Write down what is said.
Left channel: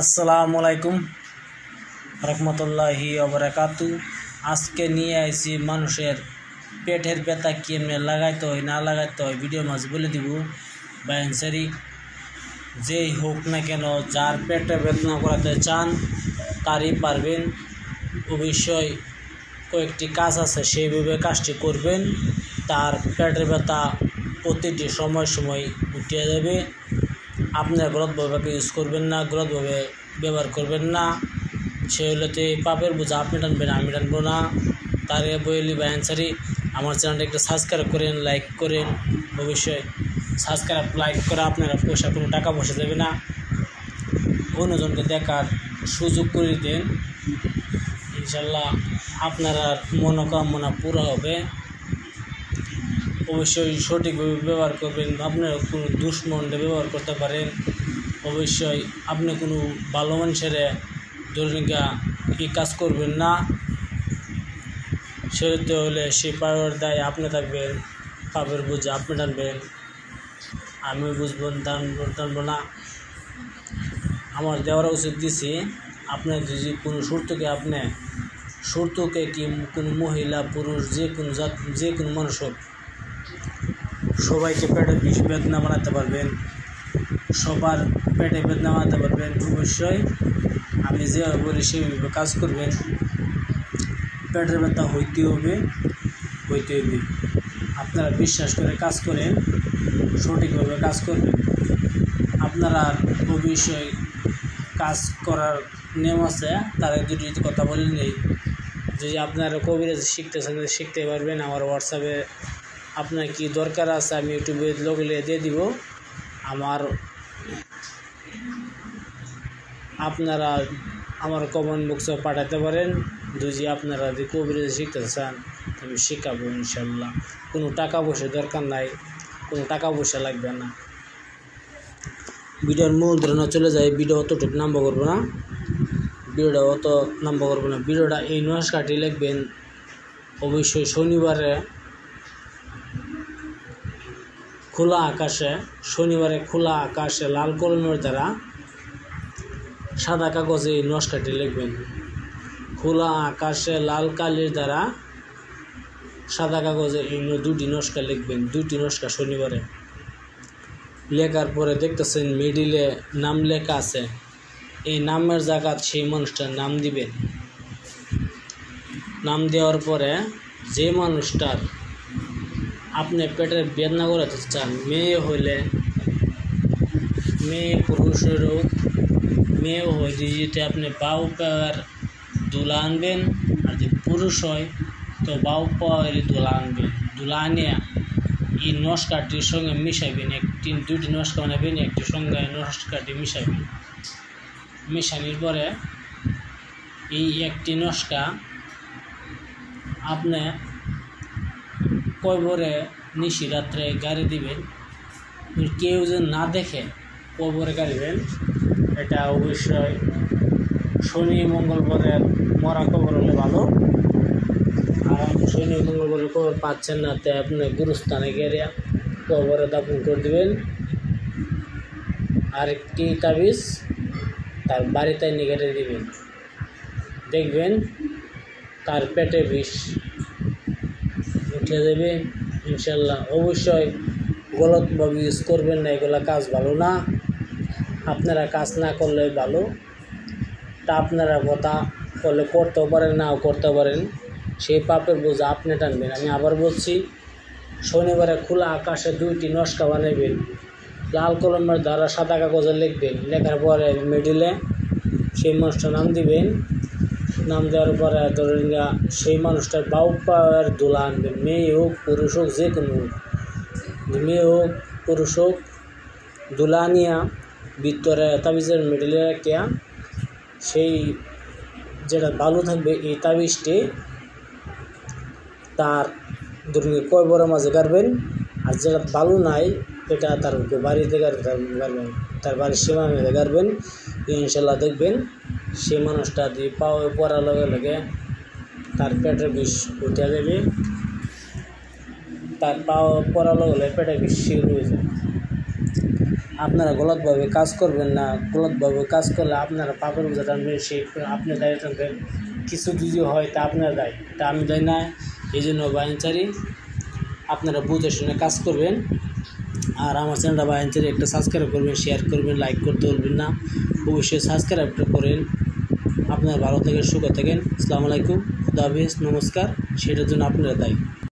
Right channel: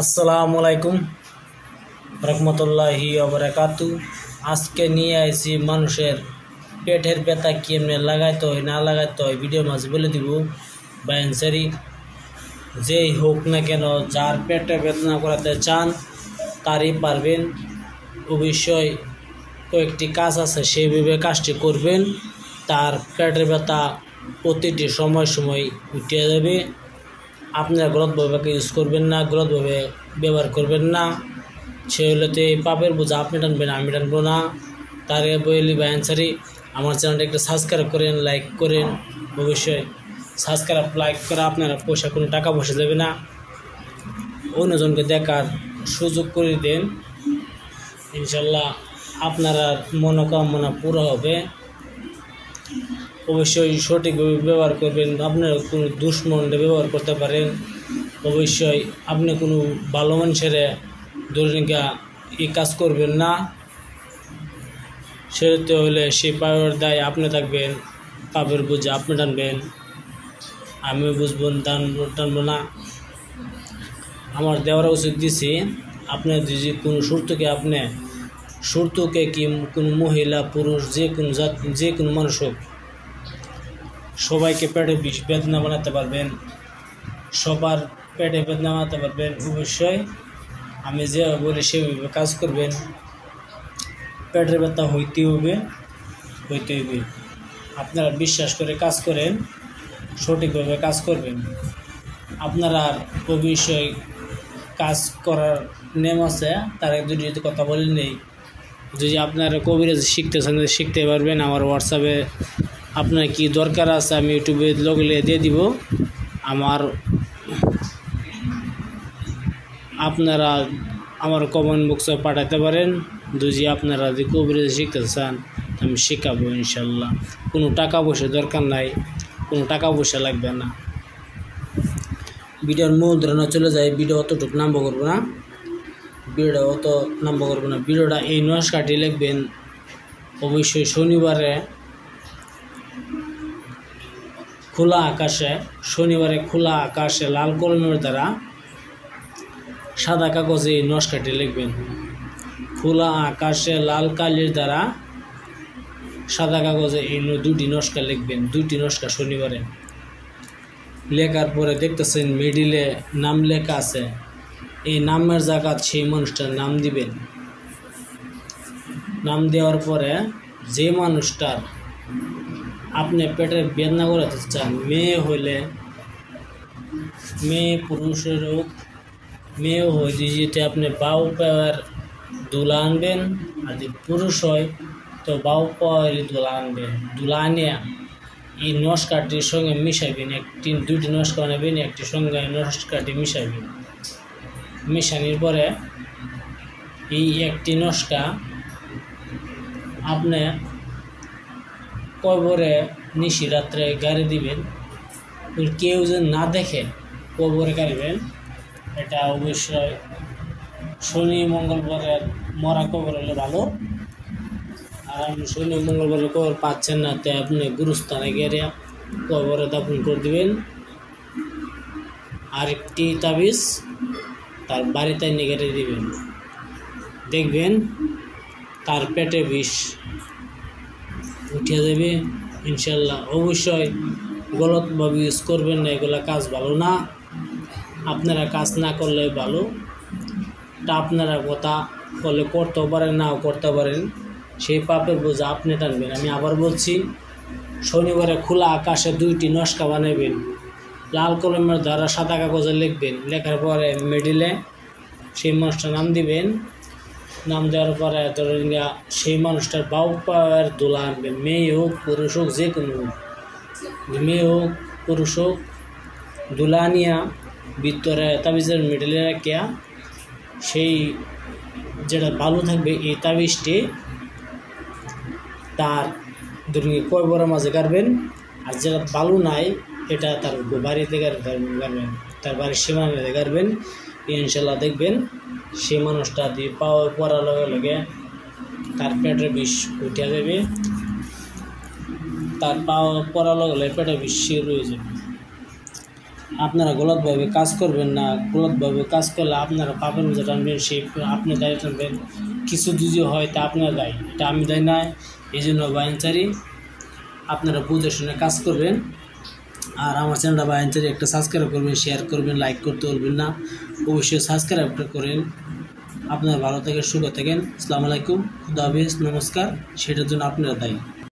আসসালামু আলাইকুম রহমতুল্লাহি ওয়া বারাকাতু। আজকে নিয়ে আইছি মানুষের পেটের ব্যথা কেমনে লাগাইতে হয় না লাগাইতে হয় ভিডিওর মাঝে বলে দিব। বায়ানসারি যেই হোক না কেন, যার পেটে বেদনা করাতে চান তারই পারবেন। অবশ্যই কয়েকটি কাজ আছে, সেইভাবে কাজটি করবেন, তার পেটের ব্যথা প্রতিটি সময় সময় উঠে যাবে। আপনারা গলতভাবে ইউজ করবেন না, গলতভাবে ব্যবহার করবেন না। সে হলোতে পাপের বোঝা আপনি টানবেন, আমি টানবো না। তার বলি বায়ানসারি আমার চ্যানেলটা একটু সাবস্ক্রাইব করেন, লাইক করেন। অবশ্যই সাবস্ক্রাইব লাইক করে আপনারা কোনো টাকা পয়সা দেবে না, অন্যজনকে দেখার সুযোগ করে দেন। ইনশাল্লাহ আপনারা মনোকামনা পুরো হবে। অবশ্যই সঠিকভাবে ব্যবহার করবেন। আপনারা কোনো দুশ্মনটা ব্যবহার করতে পারেন। অবশ্যই আপনি কোনো ভালো মানুষের দৈনিকা এই কাজ করবেন না। সেটা হলে সেই পাপের দায় আপনি থাকবেন, পাপের বুঝে আপনি টানবেন, আমি বুঝবেন টানবো না। আমার দেওয়ার উচিত দিছি। আপনার যদি কোনো সুরতুকে কি কোনো মহিলা পুরুষ যে কোনো মানুষ হোক, সবাইকে পেটে বিষ বেদনা বানাতে পারবেন, সবার পেটে বেদনা বানাতে পারবেন। অবশ্যই আমি যেভাবে বলি সেভাবে কাজ করবেন। পেটের ব্যথা হইতে হবে। আপনারা বিশ্বাস করে কাজ করেন, সঠিকভাবে কাজ করবেন। আপনারা অবশ্যই কাজ করার নিয়ম আছে, তার একজন যদি কথা বলে নেই। যদি আপনারা কবিরাজ শিখতে চান শিখতে পারবেন। আমার হোয়াটসঅ্যাপে আপনার কি দরকার আছে আমি ইউটিউবে লগলে দিয়ে দিব। আপনারা আমার কমেন্ট বক্সে পাঠাতে পারেন। যদি আপনারা যদি কবিরাজ শিখতে চান আমি শেখাবো ইনশাল্লাহ। কোনো টাকা পয়সা দরকার নাই, কোনো টাকা পয়সা লাগবে না। ভিডিওর মূল ধারণা চলে যায়। ভিডিও অতটুকু নাম্বার করবো না, ভিডিওটা এই নমস্কারটি লিখবেন। অবশ্যই শনিবারে খোলা আকাশে লাল কলমের দ্বারা সাদা কাগজে এই নমস্কারটি লিখবেন। খোলা আকাশে লাল কালির দ্বারা সাদা কাগজে এই দুটি নমস্কার লিখবেন। দুটি নমস্কার শনিবারে লেখার পরে দেখতেছেন মিডিলে নাম লেখা আছে। এই নামের জায়গা সেই মানুষটার নাম দিবেন। নাম দেওয়ার পরে যে মানুষটার আপনি পেটের বেদনা করাতে চান, মেয়ে হইলে মেয়ে, পুরুষের হোক মেয়ে হইলে যেটা আপনি বাউ পাওয়ার দুলা আনবেন, আর যদি পুরুষ হয় তো বাউ পাওয়ার দুলা আনবেন। দুলা আনিয়ে এই নমস্কারটির সঙ্গে মিশাইবেন। দুইটি নমস্কার বানাবেন, একটির সঙ্গে নমস্কারটি মিশাইবেন। মিশানোর পরে এই একটি নমস্কার আপনি কবরে নিশি রাত্রে গাড়ি দিবেন। কেউ যেন না দেখে কবরে গাড়িবেন। এটা অবশ্যই শনি মঙ্গলবারের মরা কবর হলে ভালো। আর শনি মঙ্গলবারের কবর পাচ্ছেন না, তাই আপনি গুরুস্থানে গিয়ে কবরে দাফন করে দেবেন। আরেকটি তাবিজ তার বাড়িতে নিয়ে দিবেন। দেখবেন তার পেটে বিষ উঠে যাবে ইনশাল্লাহ। অবশ্যই গলতভাবে ইউজ করবেন না, এগুলা কাজ ভালো না। আপনারা কাজ না করলে ভালো। তা আপনারা কথা বলে করতেও পারেন, নাও করতে পারেন, সেই পাপের বোঝা আপনি টানবেন। আমি আবার বলছি, শনিবারে খোলা আকাশে দুইটি নমস্কা বানাবেন। লাল কলমের দ্বারা সাদা কাগজে লিখবেন। লেখার পরে মিডিলে সেই মানুষটার নাম দিবেন। নাম দেওয়ার পরে ধরেন সেই মানুষটার বাউ পাওয়ার দোলা আনবেন। মেয়ে হোক পুরুষ হোক, যে কোনো মেয়ে হোক পুরুষ হোক, দোলা আনিয়া ভিতরে তাবিজের মিডিলে রাখিয়া সেই যেটা বালু থাকবে এই তাবিজটি তার ধরুন কবরের মাঝে গাড়বেন। আর যেটা বালু নাই এটা তার বাড়িতে গাড়বেন, তার বাড়ির সীমানাতে গাড়বেন। ইনশাল্লাহ দেখবেন সেই মানুষটা দিয়ে পাওয়া পড়ার লগে তার পেটের বিষ উঠে দেবে। তার পাওয়া পড়ার লগে পেটের বিষ শুরু হয়ে যাবে। আপনারা গলতভাবে কাজ করবেন না। গলতভাবে কাজ করলে আপনারা পাপের বোঝা টানবেন, সেই আপনি দায়ী টানবেন। কিছু যদি হয় তা আপনার দায়ী, এটা আমি দায়ী না। এই জন্য বায়ানচারি আপনারা বুঝে শুনে কাজ করবেন। আর আমার চ্যানেলটা বায়ানচারি একটা সাবস্ক্রাইব করবেন, শেয়ার করবেন, লাইক করতে বলবেন না। অবশ্যই সাবস্ক্রাইবটা করেন। আপনারা ভালো থাকেন, সুখে থাকেন। আসসালামু আলাইকুম, খুদা হাফেজ, নমস্কার। সেটার জন্য আপনারা দায়ী।